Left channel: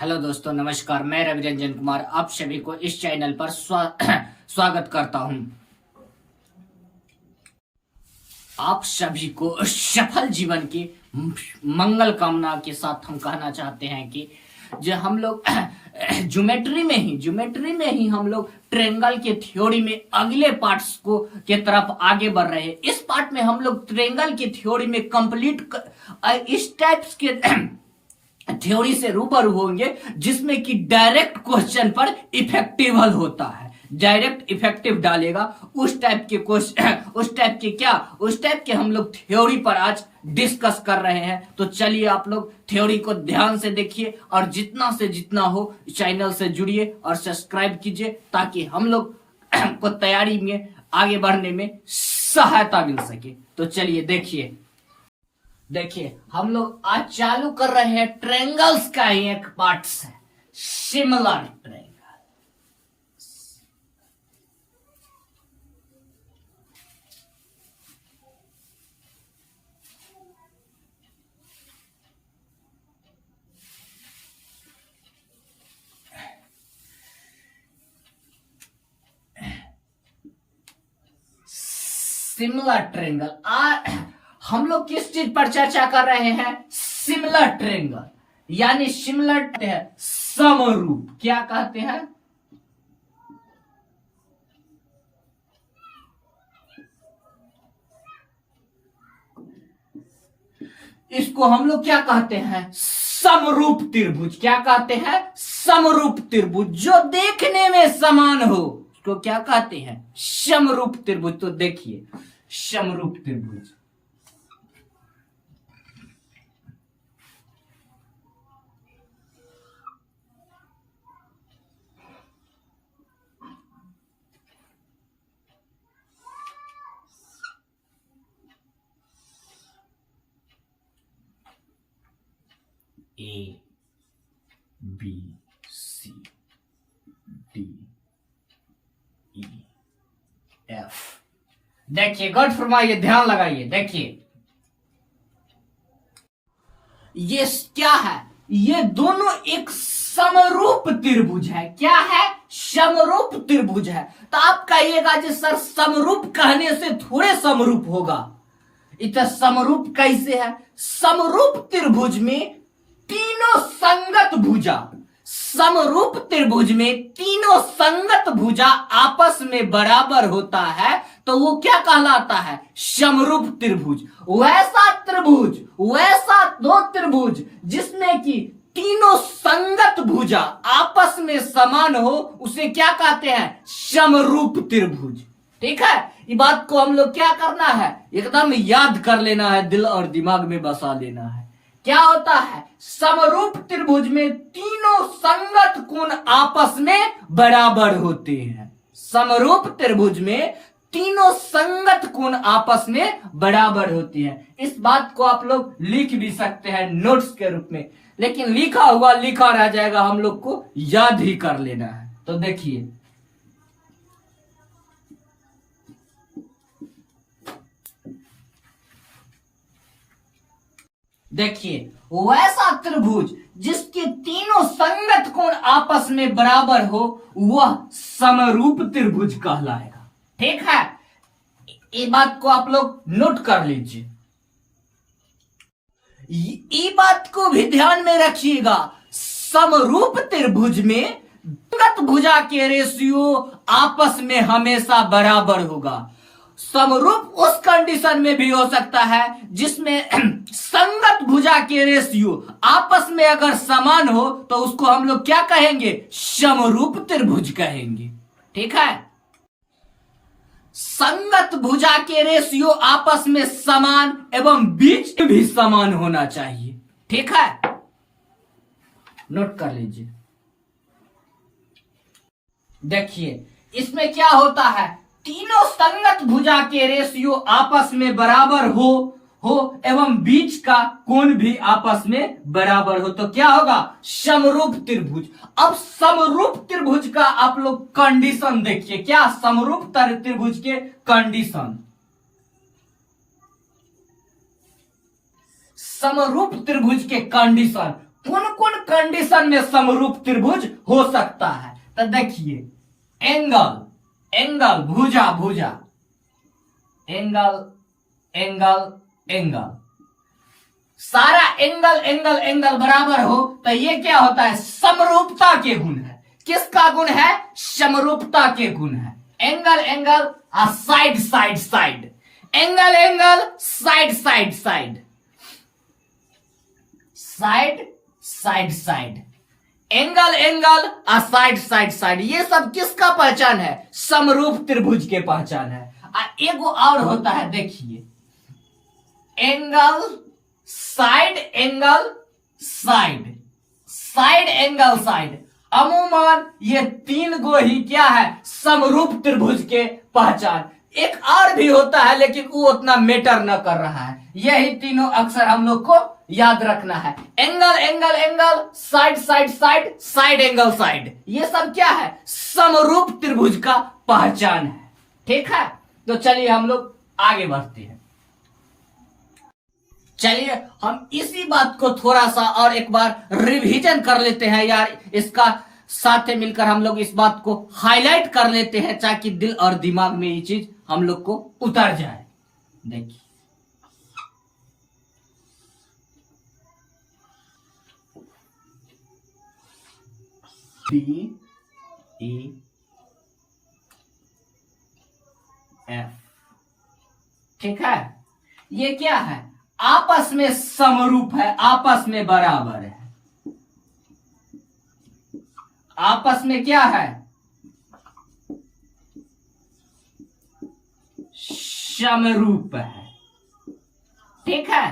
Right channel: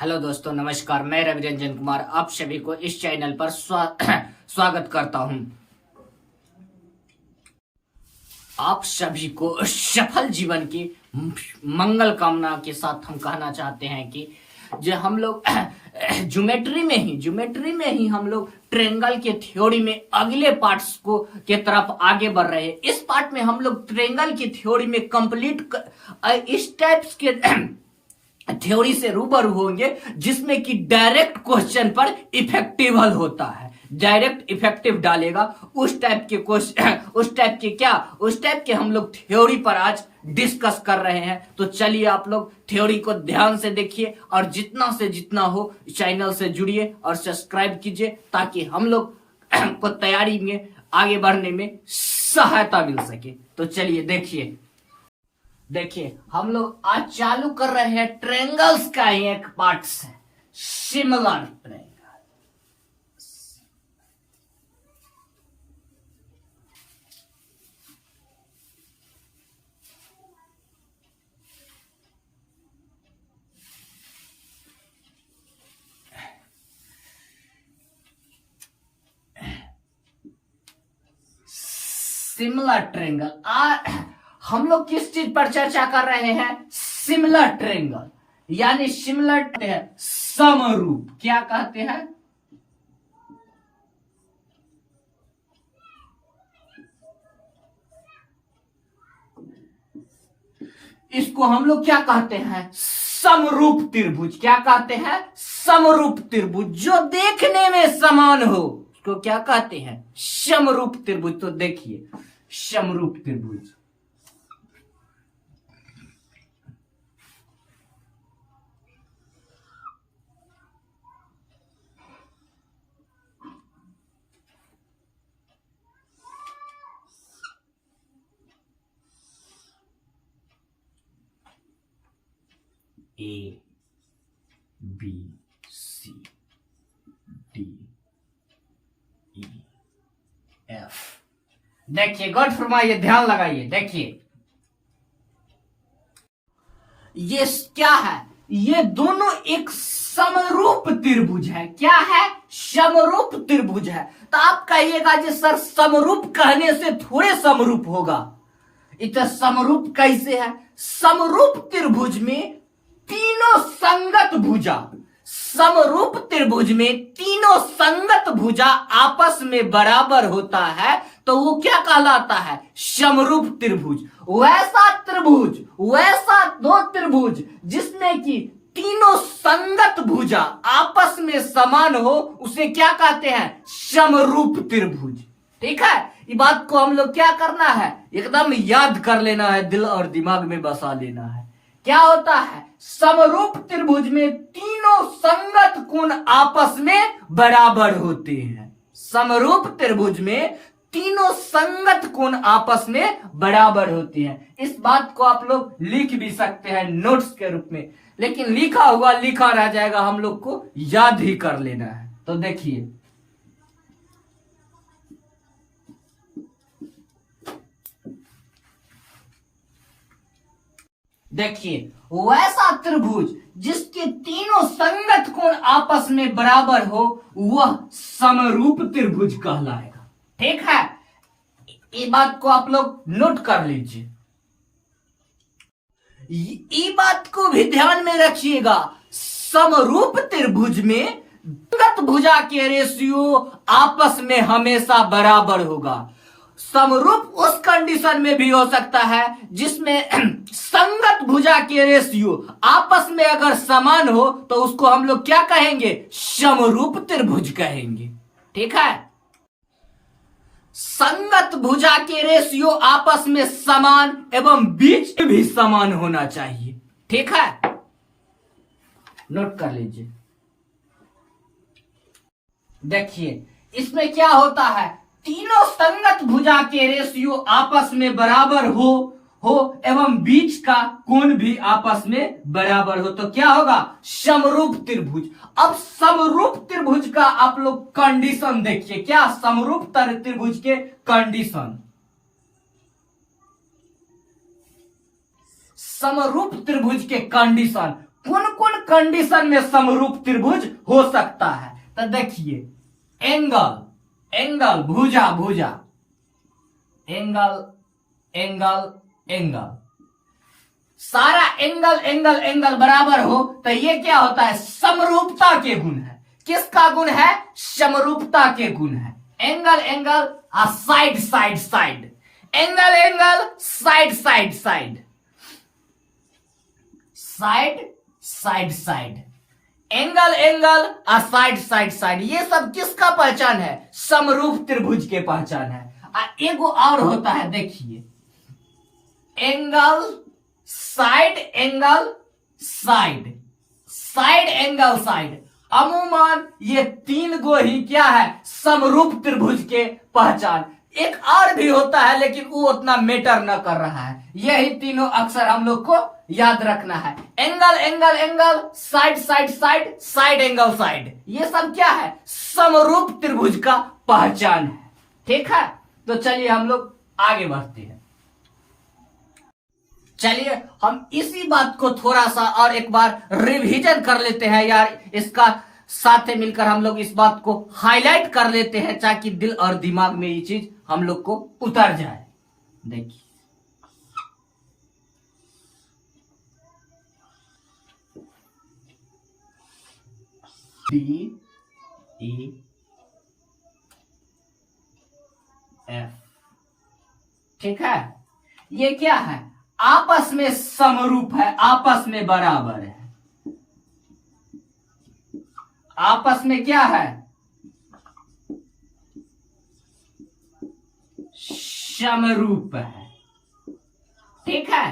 Hello दोस्तों, नमस्कार। मैं रवि रंजन कुमार आप सभी को इस चैनल पर स्वागत करता हूं। आप सभी को सफल जीवन की मंगल कामना के साथ हम कहना चाहते हैं कि जो हम लोग ज्योमेट्री में ही हम लोग ट्रेंगल के थ्योरी में अगले पार्ट्स को के तरफ आगे बढ़ रहे हैं। इस पार्ट में हम लोग ट्रेंगल की थ्योरी में कंप्लीट इस टाइप्स के थ्योरी से रूबरू होंगे जिसमें कि डायरेक्ट क्वेश्चन पर इफेक्टिव हल होता है। डायरेक्ट इफेक्टिव डालेगा उस टाइप के क्वेश्चन उस टाइप के हम लोग थ्योरी पर आज डिस्कस कर रहे हैं। तो चलिए आप लोग थ्योरी को ध्यान से देखिए और जितना से जितना हो चैनल से जुड़िए और सब्सक्राइब कीजिए ताकि हम लोग को तैयारी में आगे बढ़ने में सहायता मिल सके। तो चलिए देखिए हम लोग आज चालू कर रहे हैं ट्रायंगल्स का ही एक पार्ट से, सिमिलर ट्रायंगल। सिमिलर ट्रायंगल हम लोग किस चीज पर चर्चा कर रहे हैं? सिमिलर ट्रायंगल यानी सिमिलर समरूप। क्या कहते हैं? इसको हम लोग क्या कहते हैं? समरूप त्रिभुज। क्या कहते हैं? समरूप त्रिभुज जो देखने में समान हो उसको क्या कहते हैं? समरूप त्रिभुज। तो देखिए समरूप त्रिभुज A B C D E F। देखिए गौर फरमाइए, ध्यान लगाइए। देखिए ये क्या है? ये दोनों एक समरूप त्रिभुज है। क्या है? समरूप त्रिभुज है। तो आप कहिएगा जी सर समरूप कहने से थोड़े समरूप होगा। इतना समरूप कैसे है? समरूप त्रिभुज में तीनों संगत भुजा, समरूप त्रिभुज में तीनों संगत भुजा आपस में बराबर होता है तो वो क्या कहलाता है? समरूप त्रिभुज। वैसा दो त्रिभुज जिसमें कि तीनों संगत भुजा आपस में समान हो उसे क्या कहते हैं? समरूप त्रिभुज। ठीक है, ये बात को हम लोग क्या करना है? एकदम याद कर लेना है, दिल और दिमाग में बसा लेना है। क्या होता है? समरूप त्रिभुज में तीनों संगत कोण आपस में बराबर होते हैं। समरूप त्रिभुज में तीनों संगत कोण आपस में बराबर होती हैं। इस बात को आप लोग लिख भी सकते हैं नोट्स के रूप में, लेकिन लिखा हुआ लिखा रह जाएगा, हम लोग को याद ही कर लेना है। तो देखिए वैसा त्रिभुज जिसके तीनों संगत कोण आपस में बराबर हो वह समरूप त्रिभुज कहलाएगा। ठीक है, ये बात को आप लोग नोट कर लीजिए। ये बात को भी ध्यान में रखिएगा, समरूप त्रिभुज में संगत भुजा के रेशियो आपस में हमेशा बराबर होगा। समरूप उस कंडीशन में भी हो सकता है जिसमें संगत भुजा के रेशियो आपस में अगर समान हो तो उसको हम लोग क्या कहेंगे? समरूप त्रिभुज कहेंगे। ठीक है, संगत भुजा के रेशियो आपस में समान एवं बीच भी समान होना चाहिए। ठीक है, नोट कर लीजिए। देखिए इसमें क्या होता है? तीनों संगत भुजा के रेशियो आपस में बराबर हो एवं बीच का कोण भी आपस में बराबर हो तो क्या होगा? समरूप त्रिभुज। अब समरूप त्रिभुज का आप लोग कंडीशन देखिए। क्या समरूप त्रिभुज के कंडीशन? समरूप त्रिभुज के कंडीशन कौन कौन कंडीशन में समरूप त्रिभुज हो सकता है? तो देखिए एंगल, एंगल, भुजा, भुजा, एंगल, एंगल, एंगल, सारा एंगल एंगल एंगल बराबर हो तो ये क्या होता है? समरूपता के गुण है। किसका गुण है? समरूपता के गुण है। Angle angle, side side side, angle angle, side side side, side side side, angle angle, side side side, ये सब किसका पहचान है? समरूप त्रिभुज के पहचान है। एगो और होता है, देखिए angle side, angle side, side angle side. अमूमन ये तीन गो ही क्या है? समरूप त्रिभुज के पहचान। एक और भी होता है लेकिन वो उतना मैटर न कर रहा है। यही तीनों अक्सर हम लोग को याद रखना है। Angle angle angle, side side side, side angle side, ये सब क्या है? समरूप त्रिभुज का पहचान है। ठीक है, तो चलिए हम लोग आगे बढ़ते हैं। चलिए हम इसी बात को थोड़ा सा और एक बार रिवीजन कर लेते हैं यार, इसका साथ मिलकर हम लोग इस बात को हाईलाइट कर लेते हैं ताकि दिल और दिमाग में ये चीज हम लोग को उतर जाए। देखिए D E F, ठीक है, ये क्या है? आपस में समरूप है, आपस में बराबर है, आपस में क्या है? समरूप है। ठीक है,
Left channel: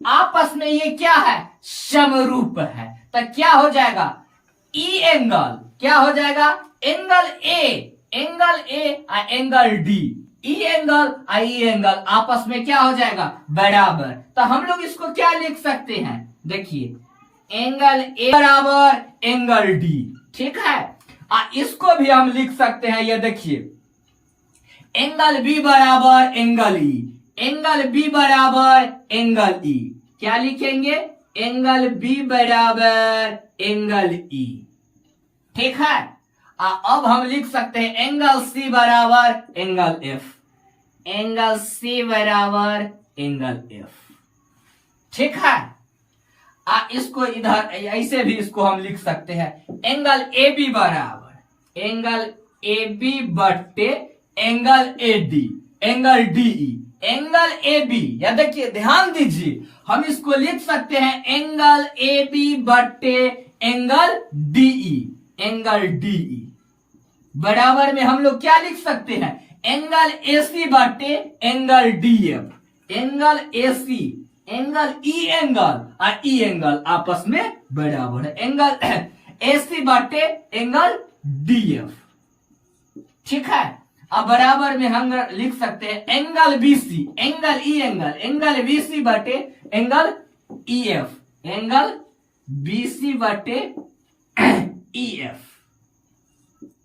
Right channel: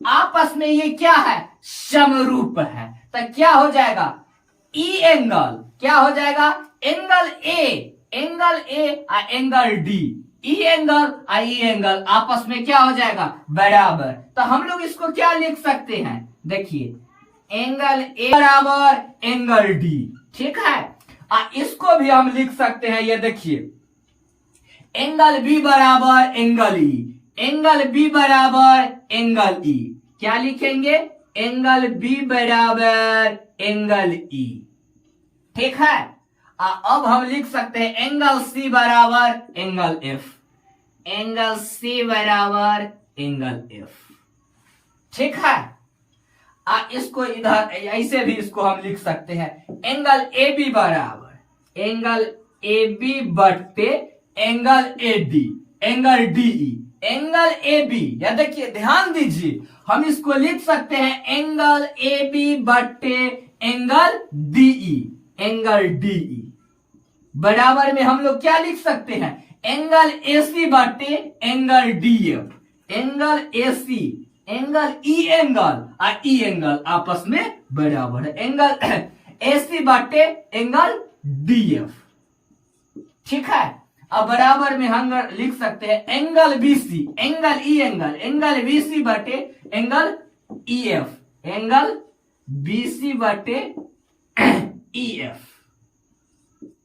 आपस में ये क्या है? समरूप है। तो क्या हो जाएगा? ई एंगल क्या हो जाएगा? एंगल ए, एंगल ए और एंगल डी, ई एंगल और ई एंगल आपस में क्या हो जाएगा? बराबर। तो हम लोग इसको क्या लिख सकते हैं? देखिए एंगल ए बराबर एंगल डी, ठीक है। इसको भी हम लिख सकते हैं, ये देखिए एंगल बी बराबर एंगल ई, एंगल बी बराबर एंगल ई। क्या लिखेंगे? एंगल बी बराबर एंगल ई, ठीक है। अब हम लिख सकते हैं एंगल सी बराबर एंगल एफ, एंगल सी बराबर एंगल एफ, ठीक है। इसको इधर ऐसे भी इसको हम लिख सकते हैं एंगल ए बी बराबर एंगल ए बी बट्टे angle A D, angle D E, angle A B. या देखिए ध्यान दीजिए, हम इसको लिख सकते हैं एंगल ए बी बट्टे angle D E, angle D E बराबर में हम लोग क्या लिख सकते हैं? एंगल ए सी बट्टे angle D F, angle A C, angle E angle और ई एंगल आपस में बराबर है, एंगल ए सी बट्टे एंगल डी एफ, ठीक है। अब बराबर में हम लिख सकते हैं angle B C, angle E angle, angle B C बटे angle E F, angle B C बटे ई एफ,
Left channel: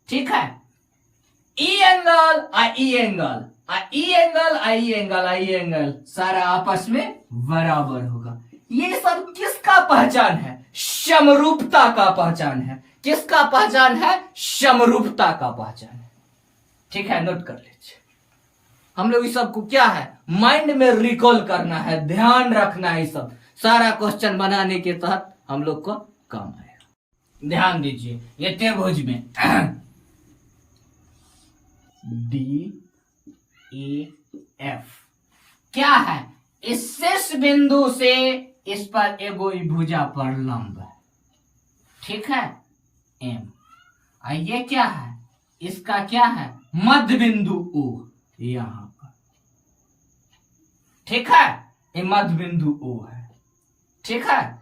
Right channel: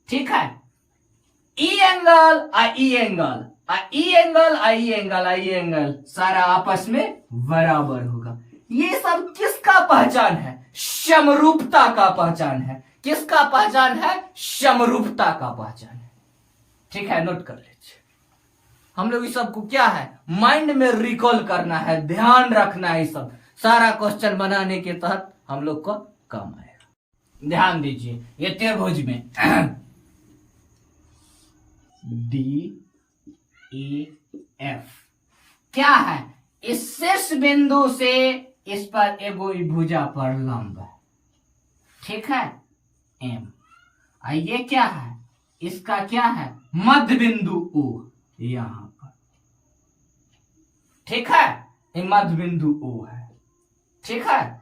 ठीक है। ई एंगल और E angle, E angle I angle, I angle सारा आपस में बराबर होगा। ये सब किसका पहचान है? समरूपता का पहचान है। किसका पहचान है? समरूपता का पहचान है, ठीक है। नोट कर लीजिए। हम लोग इस सब को क्या है? माइंड में रिकॉल करना है, ध्यान रखना है। सब सारा क्वेश्चन बनाने के तहत हम लोग को काम आएगा। ध्यान दीजिए, ये त्रिभुज में डी ई एफ क्या है? इस शीर्ष बिंदु से इस पर एगो भुजा पर लंब है, ठीक है, एम। ये क्या है? इसका क्या है? मध्य बिंदु ओ, यहां पर, ठीक है। ये मध्य बिंदु ओ है, ठीक है।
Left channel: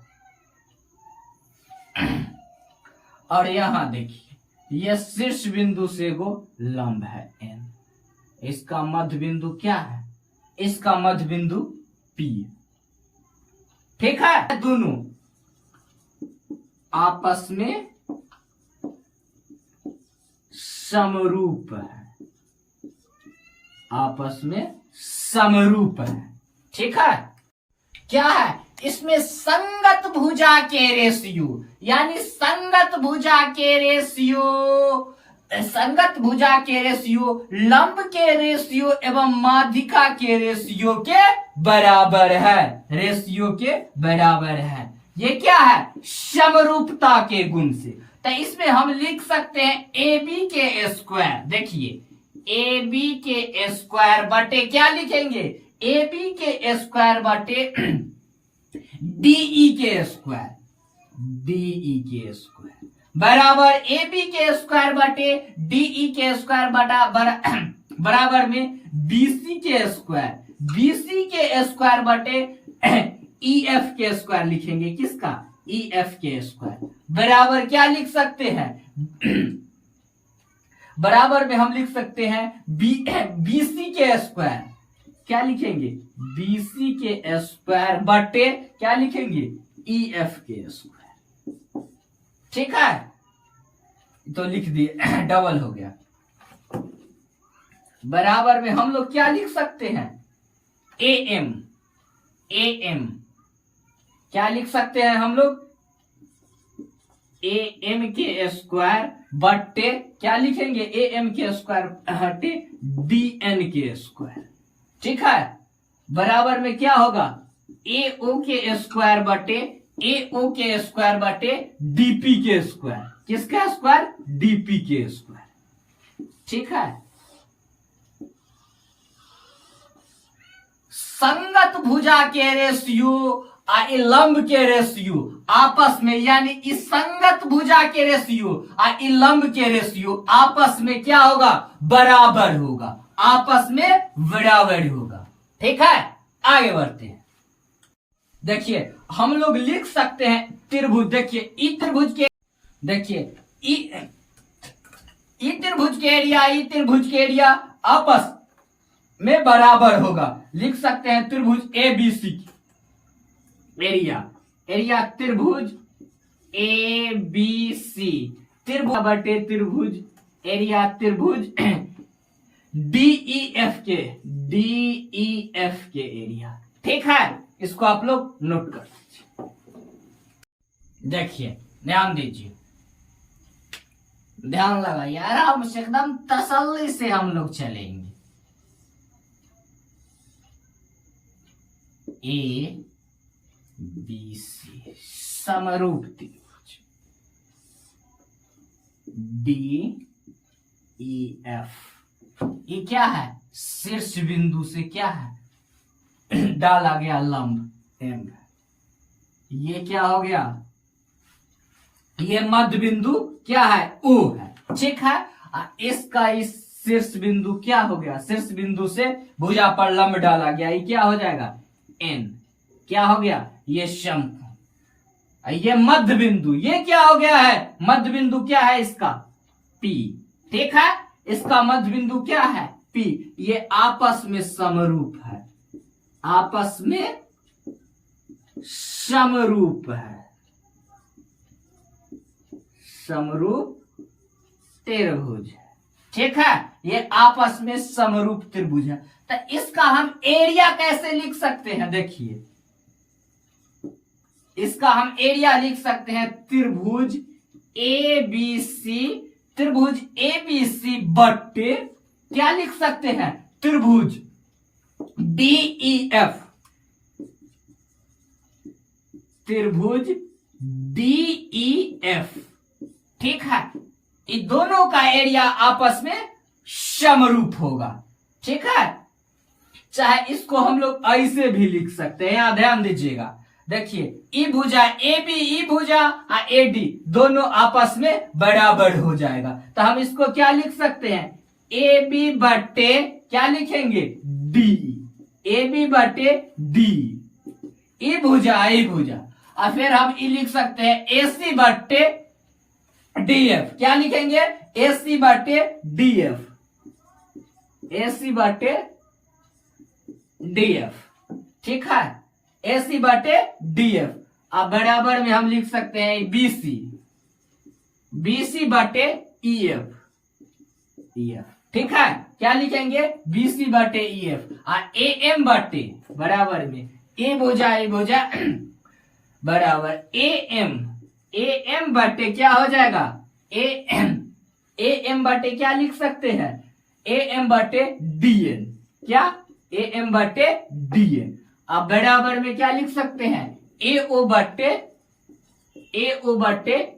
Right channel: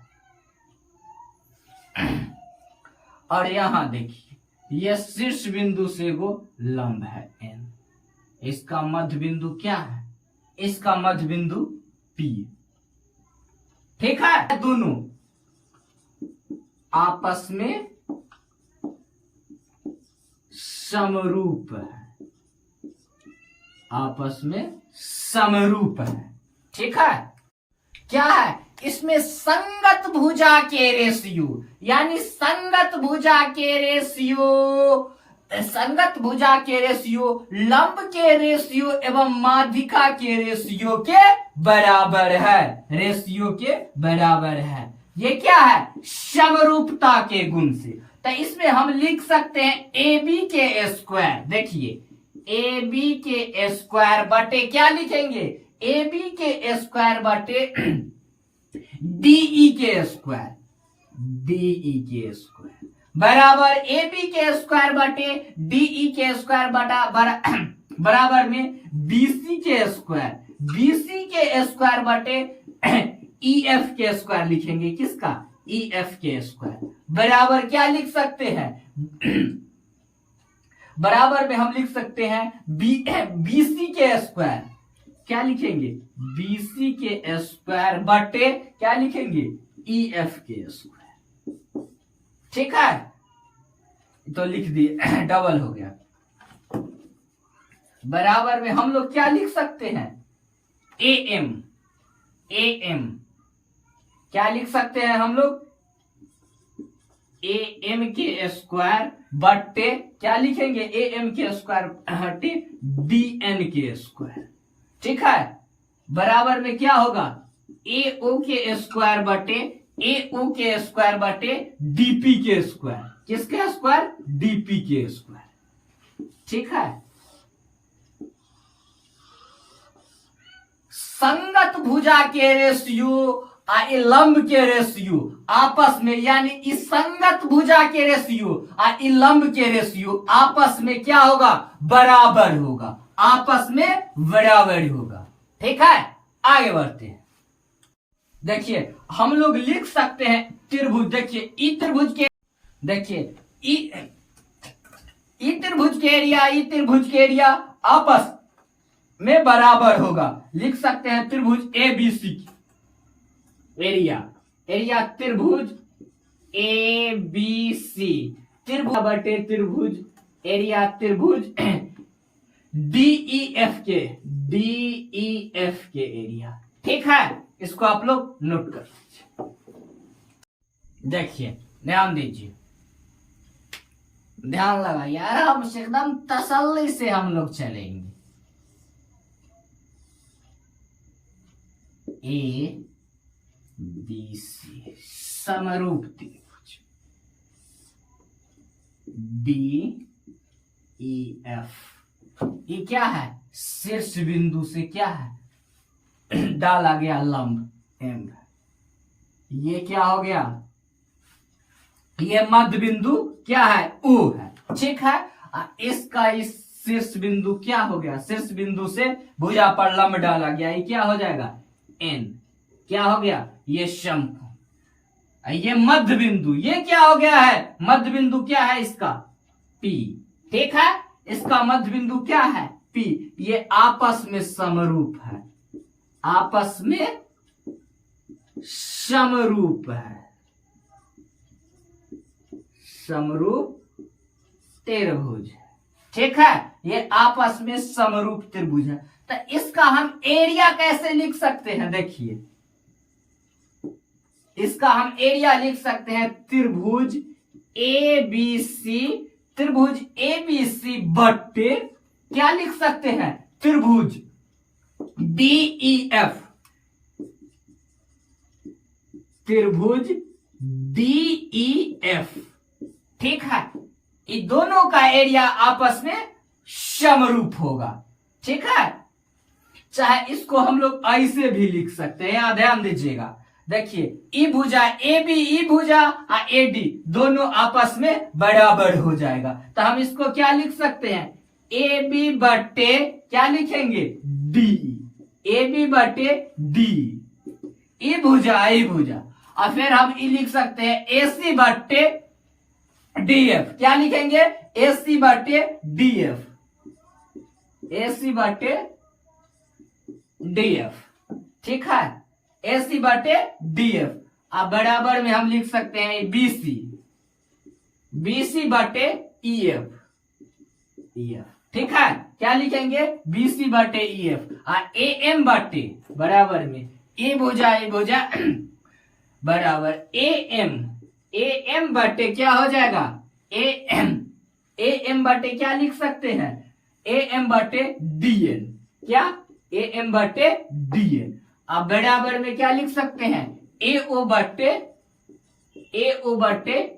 और यहां देखिए यह शीर्ष बिंदु से गो लंब है एन। इसका मध्य बिंदु क्या है? इसका मध्य बिंदु पी, ठीक है। दोनों आपस में समरूप है, आपस में समरूप है, ठीक है। क्या है? इसमें संगत भुजा के रेशियो, यानी संगत भुजा के रेशियो, संगत भुजा के रेशियो लंब के रेशियो एवं माध्यिका के रेशियो के बराबर है, रेशियो के बराबर है। ये क्या है? समरूपता के गुण से। तो इसमें हम लिख सकते हैं ए बी के स्क्वायर। देखिए ए बी के स्क्वायर बटे क्या लिखेंगे? ए बी के स्क्वायर बटे डीई के स्क्वायर, डीई के स्क्वायर बराबर ए बी के स्क्वायर बटे डीई के स्क्वायर बराबर में बीसी के स्क्वायर, बीसी के स्क्वायर बटे ईएफ के स्क्वायर लिखेंगे। किसका? ईएफ के स्क्वायर बराबर क्या लिख सकते हैं? बराबर में हम लिख सकते हैं बीसी के स्क्वायर, क्या लिखेंगे? बीसी के स्क्वायर बटे क्या लिखेंगे? ईएफ के स्क्वायर। ठीक है, तो लिख दिए, डबल हो गया। बराबर में हम लोग क्या लिख सकते हैं? एएम, एएम क्या लिख सकते हैं हम लोग? एएम के स्क्वायर बटे क्या लिखेंगे? एएम के स्क्वायर बटे डीएन के स्क्वायर। ठीक है, बराबर में क्या होगा? एओ के स्क्वायर बटे एओ के स्क्वायर बटे डीपी के स्क्वायर। किसका स्क्वायर? डीपी के स्क्वायर। ठीक है, संगत भुजा के रेशियो लंब के रेशियो आपस में, यानी इस संगत भुजा के रेशियो लंब के रेशियो आपस में क्या होगा? बराबर होगा, आपस में बराबर होगा। ठीक है, आगे बढ़ते हैं। देखिए हम लोग लिख सकते हैं त्रिभुज। देखिए ई त्रिभुज के, देखिए ई त्रिभुज के एरिया, ई त्रिभुज के एरिया आपस में बराबर होगा। लिख सकते हैं त्रिभुज A B C area, area त्रिभुज ए बी सी, त्रिभुज बटे त्रिभुज एरिया त्रिभुज डीईएफ के, डीईएफ के एरिया। ठीक है, इसको आप लोग नोट कर लीजिए। देखिए ध्यान दीजिए, ध्यान लगाइए, आराम से एकदम तसल्ली से हम लोग चलेंगे। ए बी सी समरूप त्रिभुज, डी ई एफ, ये क्या है? शीर्ष बिंदु से क्या है? डाला गया लंब एम। ये क्या हो गया? ये मध्य बिंदु क्या है? ओ है। ठीक है, इसका इस शीर्ष बिंदु क्या हो गया? शीर्ष बिंदु से भुजा पर लंब डाला गया, ये क्या हो जाएगा? एन। क्या हो गया? ये शंकु। ये मध्य बिंदु, ये क्या हो गया है? मध्य बिंदु क्या है इसका? पी। ठीक है, इसका मध्य बिंदु क्या है? पी। ये आपस में समरूप है, आपस में समरूप है, समरूप त्रिभुज। ठीक है, ये आपस में समरूप त्रिभुज है। तो इसका हम एरिया कैसे लिख सकते हैं? देखिए इसका हम एरिया लिख सकते हैं त्रिभुज ए बी सी, त्रिभुज ए बी सी बटे क्या लिख सकते हैं? त्रिभुज डीईएफ, त्रिभुज डीईएफ। ठीक है, इन दोनों का एरिया आपस में समरूप होगा। ठीक है, चाहे इसको हम लोग ऐसे भी लिख सकते हैं, यहां ध्यान दीजिएगा। देखिए ई भुजा ए बी, ई भुजा ए डी दोनों आपस में बराबर हो जाएगा। तो हम इसको क्या लिख सकते हैं? ए बी बटे क्या लिखेंगे? डी, ए बी बटे डी, ई भुजा ई भुजा। और फिर हम ई लिख सकते हैं ए सी बटे डी एफ। क्या लिखेंगे? ए सी बटे डी एफ, ए सी बटे डी एफ। ठीक है, ए सी बटे डी एफ। अब बराबर में हम लिख सकते हैं बी सी, बी सी बटे ई एफ, ई एफ। ठीक है, क्या लिखेंगे? बी सी बटे ई एफ। ए एम बटे बराबर में ए भुजा बराबर ए एम बटे क्या हो जाएगा, ए एम बटे क्या लिख सकते हैं, ए एम बटे डी एन, क्या ए एम बटे डी एन। अब बराबर में क्या लिख सकते हैं, ए ओ बटे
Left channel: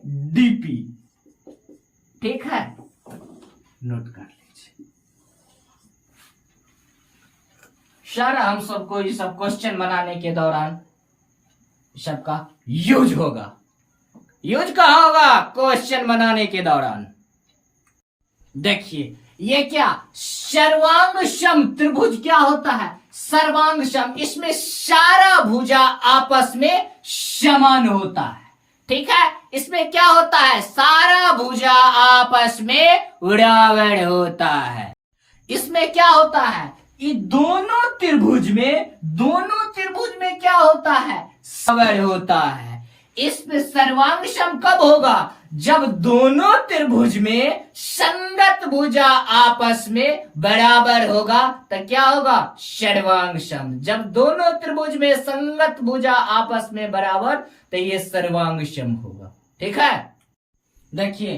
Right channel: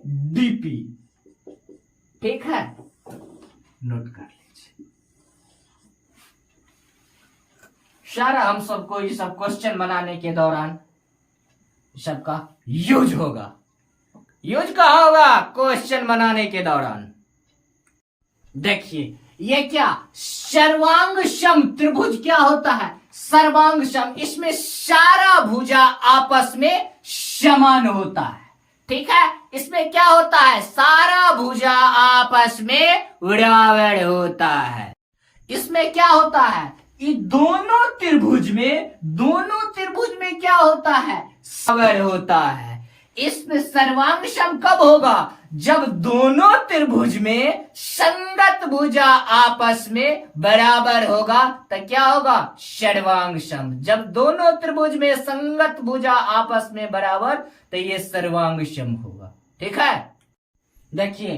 डीपी। ठीक है, नोट कर लीजिए। सारा हम सबको ये सब क्वेश्चन बनाने के दौरान सबका यूज होगा। यूज कहाँ होगा, क्वेश्चन बनाने के दौरान। देखिए ये क्या, सर्वांग सम त्रिभुज क्या होता है, सर्वांग सम, इसमें सारा भुजा आपस में समान होता है। ठीक है, इसमें क्या होता है, सारा भुजा आपस में बराबर होता है। इसमें क्या होता है, ये दोनों त्रिभुज में क्या होता है, बराबर होता है। इसमें सर्वांग सम कब होगा, जब दोनों त्रिभुज में संगत भुजा आपस में बराबर होगा तो क्या होगा, सर्वांग सम। जब दोनों त्रिभुज में संगत भुजा आपस में बराबर तो ये सर्वांग सम होगा। ठीक है, देखिए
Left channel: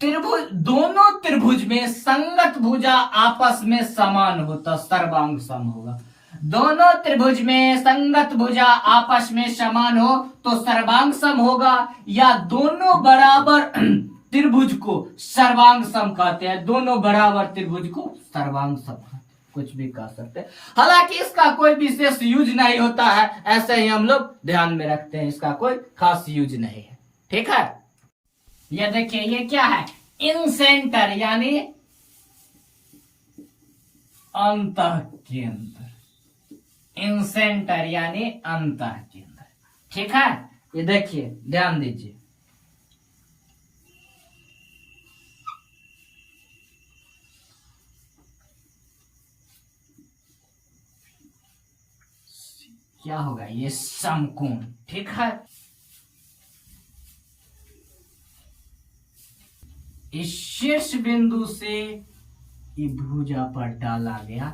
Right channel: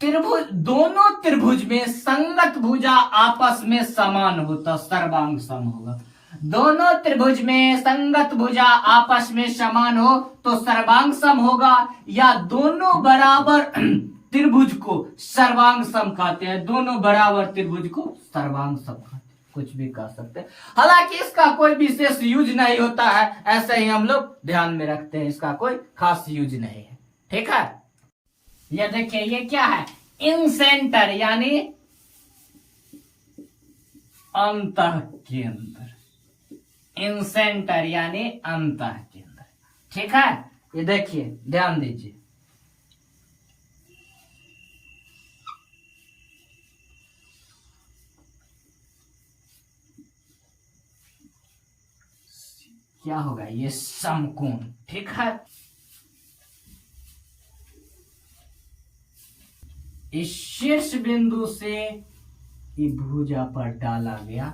दोनों त्रिभुज में संगत भुजा आपस में समान होता, सर्वांग सम होगा। दोनों त्रिभुज में संगत भुजा आपस में समान हो तो सर्वांग सम होगा, या दोनों बराबर त्रिभुज को सर्वांग सम कहते हैं। दोनों बराबर त्रिभुज को सर्वांग सम कहते हैं, कुछ भी कह सकते हैं। हालांकि इसका कोई विशेष यूज नहीं होता है, ऐसे ही हम लोग ध्यान में रखते हैं, इसका कोई खास यूज नहीं है। ठीक है, ये देखिए ये क्या है, इन सेंटर यानी अंतः केंद्र, इन सेंटर यानी अंतः केंद्र। ठीक है, ये देखिए ध्यान दीजिए, क्या होगा, ये समकोण। ठीक है, इस शीर्ष बिंदु से ये भुजा पर डाला गया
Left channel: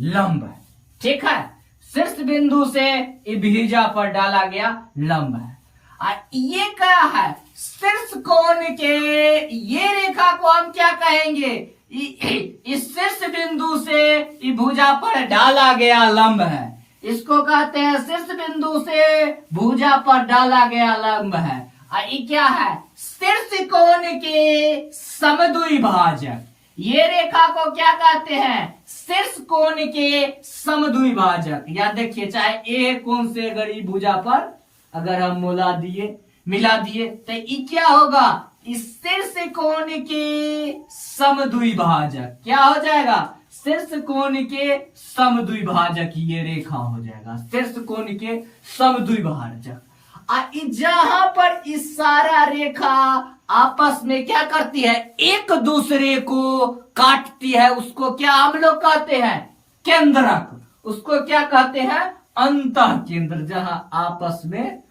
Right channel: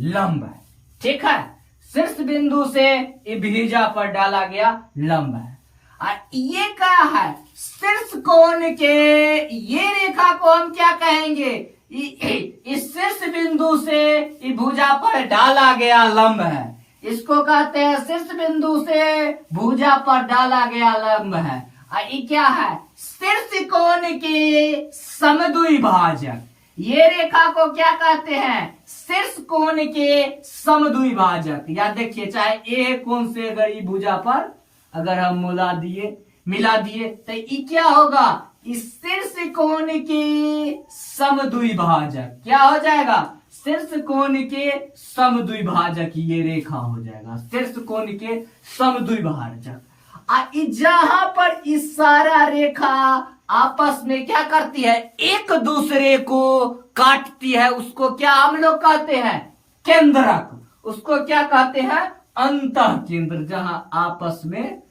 लंब है। ठीक है, शीर्ष बिंदु से ये भुजा पर डाला गया लंब है। और ये क्या है, शीर्ष कोण के, ये रेखा को हम क्या कहेंगे, इस शीर्ष बिंदु से ये भुजा पर डाला गया लंब है, इसको कहते हैं शीर्ष बिंदु से भुजा पर डाला गया लंब है। और ये क्या है, शीर्ष कोण के समद्विभाजक। ये रेखा को क्या कहते हैं, शीर्ष कोण के समद्विभाजक। या देखिए, चाहे ए कोण से अगर ये भुजा पर अगर हम मिला दिए तो ये क्या होगा, इस शीर्ष कोण के समद्विभाजक क्या हो जाएगा, शीर्ष कोण के समद्विभाजक ये रेखा हो जाएगा, शीर्ष कोण के समद्विभाजक। जहां पर इस सारा रेखा आपस में क्या करती है, एक दूसरे को काटती है, उसको क्या हम लोग कहते हैं, केंद्रक। उसको क्या कहते हैं, अंतः केंद्र। जहां आपस में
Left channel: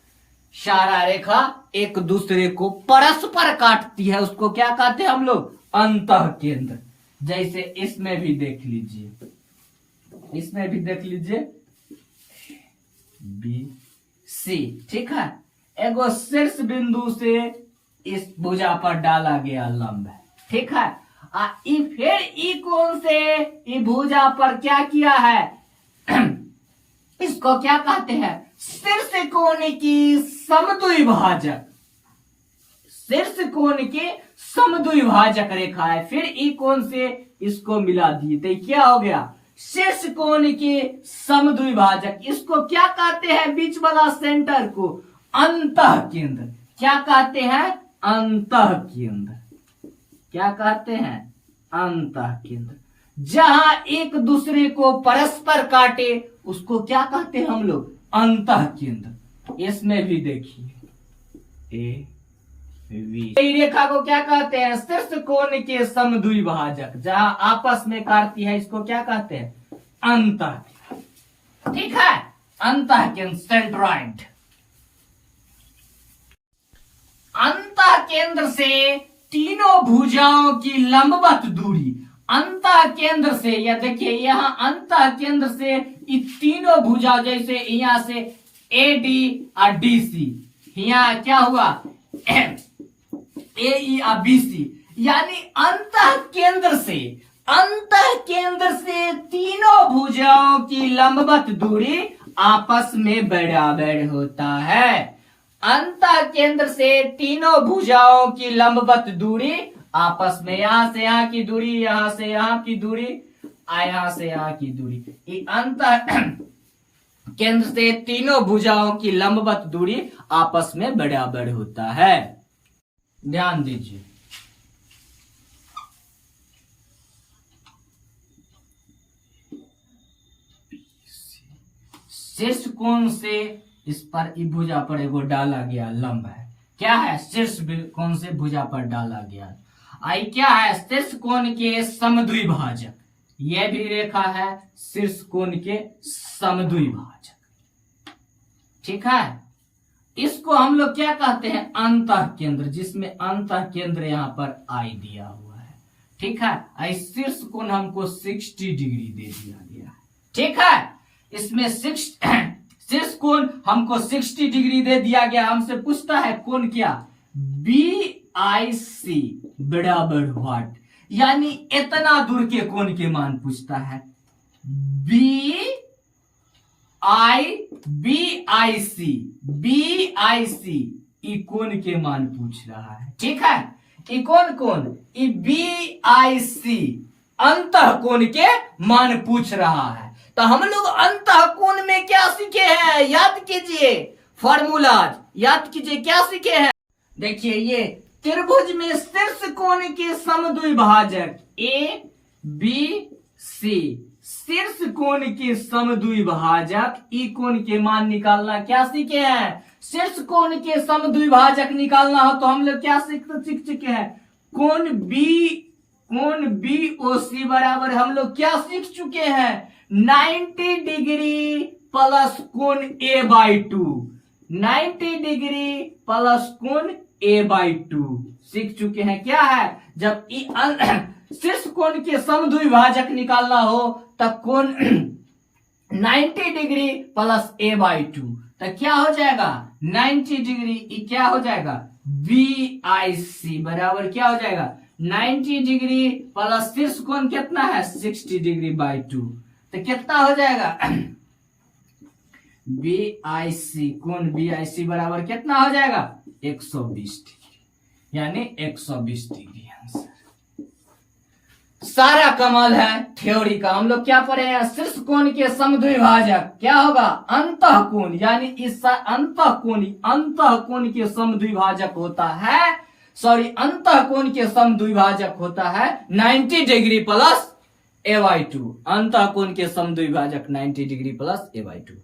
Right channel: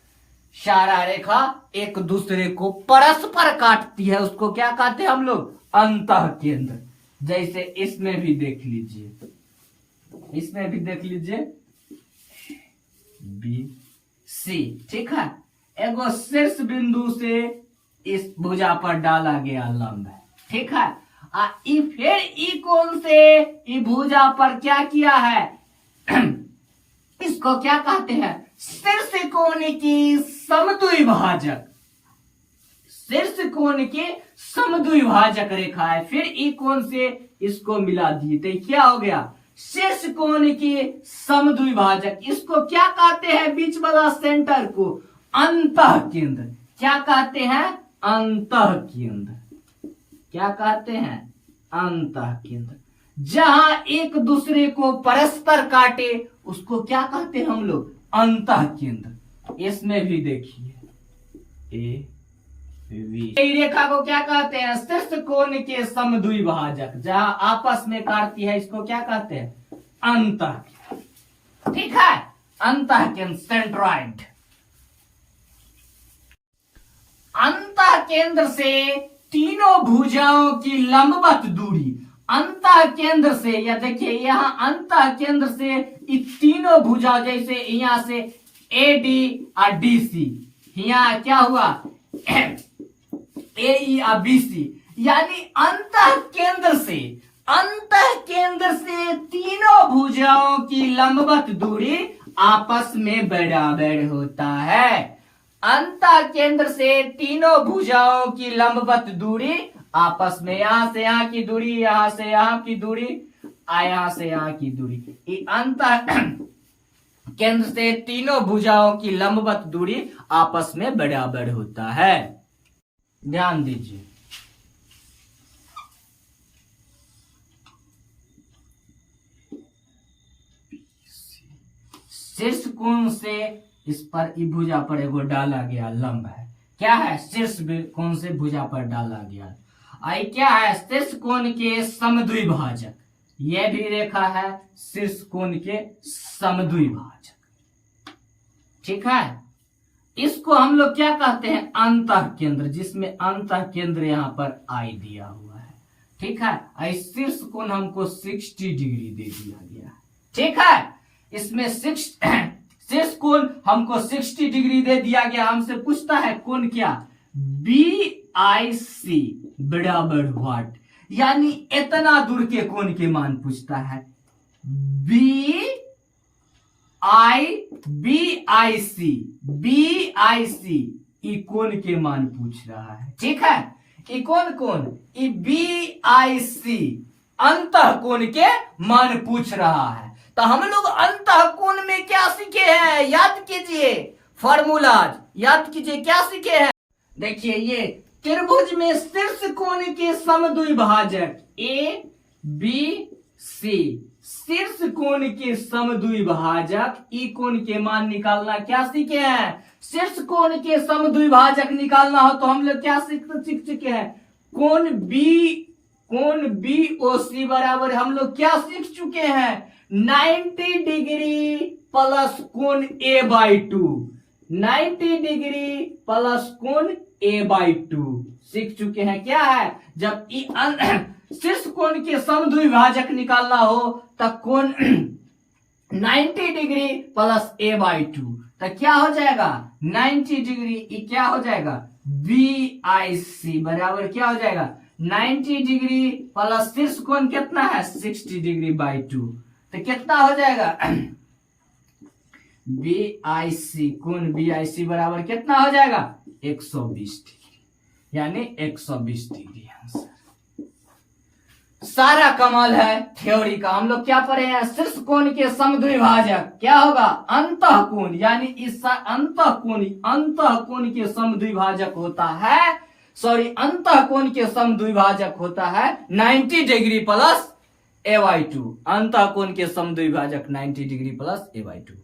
सारा रेखा एक दूसरे को परस्पर काटती है, उसको क्या कहते हैं हम लोग, अंतः केंद्र। जैसे इसमें भी देख लीजिए, बी सी। ठीक है, एगो शीर्ष बिंदु से इस भुजा पर डाला गया लंब है। ठीक है, फिर ई कोण से ई भुजा पर क्या किया है, इसको क्या कहते हैं, शीर्ष कोण की समद्विभाजक। शीर्ष कोण के समद्विभाजक रेखा है, फिर ई कोण से इसको मिला दिए तो क्या हो गया, शीर्ष कोण के समद्विभाजक। इसको क्या कहते हैं, बीच वाला सेंटर को अंतः केंद्र। क्या कहते हैं, अंतः केंद्र। क्या कहते हैं, अंतः केंद्र। जहां एक दूसरे को परस्पर काटे उसको क्या कहते हैं हम लोग, अंतः केंद्र। इसमें भी देखिए ए वी, रेखा को क्या कहते हैं, शीर्ष कोण के समद्विभाजक। जहां आपस में काटती है इसको क्या कहते हैं, अंतः। ठीक है, अंतः केंद्र, सेंट्रॉइड। अंतः केंद्र से तीनों भुजाओं की लंबवत दूरी, अंतः केंद्र से, या देखिए यहाँ अंतः केंद्र से तीनों भुजा, जैसे यहाँ से AD और DC, यहाँ क्या हुआ AE और BC, यानी अंतः केंद्र से तीनों भुजाओं की लंबवत दूरी आपस में बराबर होता है। अंतः केंद्र से तीनों भुजाओं की लंबवत दूरी आपस में, यहां से यहां की दूरी, यहां से यहां की दूरी, यहां से यहां की दूरी, अंतः केंद्र से तीनों भुजाओं की लंबवत दूरी आपस में बराबर होता है। ध्यान दीजिए, शीर्ष कोण से इस पर भुजा पर एगो डाला गया लंब है, क्या है, शीर्ष कोण से भुजा पर डाला गया, आई क्या है, शीर्ष कोण के समद्विभाजक, यह भी रेखा है शीर्ष कोण के समद्विभाजक, ठीक है। इसको हम लोग क्या कहते हैं, अंतः केंद्र, जिसमें अंतः केंद्र यहां पर आई दिया हुआ है, ठीक है। आई शीर्ष कोण हमको 60 डिग्री दे दिया गया है, ठीक है। इसमें शीर्ष कोण हमको 60 डिग्री दे दिया गया, हमसे पूछता है कोण क्या, BIC बराबर व्हाट, यानी इतना दूर के कोण के मान पूछता है। BIC ई कोण के मान पूछ रहा है, ठीक है। ई कोण BIC अंतः कोण के मान पूछ रहा है। तो हम लोग अंतः कोण में क्या सीखे हैं, याद कीजिए, फॉर्मूलाज याद कीजिए, क्या सीखे हैं। देखिए, ये त्रिभुज में शीर्ष कोण के समद्विभाजक ABC, शीर्ष कोण के समद्विभाजक ई कोण के मान निकालना क्या सीखे हैं, शीर्ष कोण के समद्विभाजक निकालना हो तो हम लोग क्या सीख चुके हैं, कोण BOC बराबर हम लोग क्या सीख चुके हैं, 90 डिग्री प्लस कोण A/2, 90 डिग्री प्लस कोण A/2 सीख चुके हैं। क्या है, जब शीर्ष कोण के समद्विभाजक निकालना हो तब कोण 90 डिग्री प्लस A/2, तो क्या हो जाएगा, 90 डिग्री, क्या हो जाएगा, BIC बराबर क्या हो जाएगा, 90 डिग्री प्लस शीर्ष कोण कितना है, 60 डिग्री बाई 2, तो कितना हो जाएगा, BIC, कोण BIC बराबर कितना हो जाएगा, 120 डिग्री, यानी 120 डिग्री आंसर। सारा कमाल है थ्योरी का। हम लोग क्या पढ़े हैं, शीर्ष कोण के समद्विभाजक क्या होगा, अंतः कोण, यानी इस अंतः कोण के समद्विभाजक होता है, अंतः कोण के समद्विभाजक होता है 90 डिग्री प्लस A/2, अंतः कोण के समद्विभाजक 90 डिग्री प्लस A/2।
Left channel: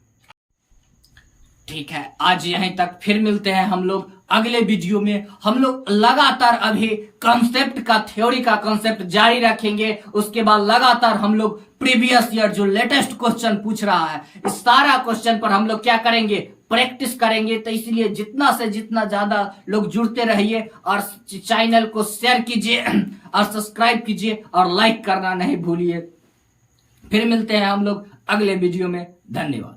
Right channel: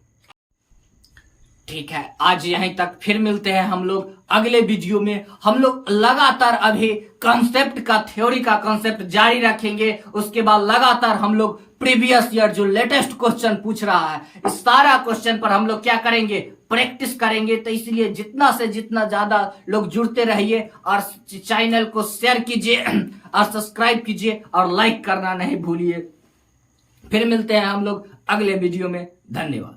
ठीक है, आज यहीं तक, फिर मिलते हैं हम लोग अगले वीडियो में। हम लोग लगातार अभी कॉन्सेप्ट का, थ्योरी का कॉन्सेप्ट जारी रखेंगे, उसके बाद लगातार हम लोग प्रीवियस ईयर जो लेटेस्ट क्वेश्चन पूछ रहा है, इस सारा क्वेश्चन पर हम लोग क्या करेंगे, प्रैक्टिस करेंगे। तो इसलिए जितना से जितना ज्यादा लोग जुड़ते रहिए और चैनल को शेयर कीजिए और सब्सक्राइब कीजिए और लाइक करना नहीं भूलिए। फिर मिलते हैं हम लोग अगले वीडियो में, धन्यवाद।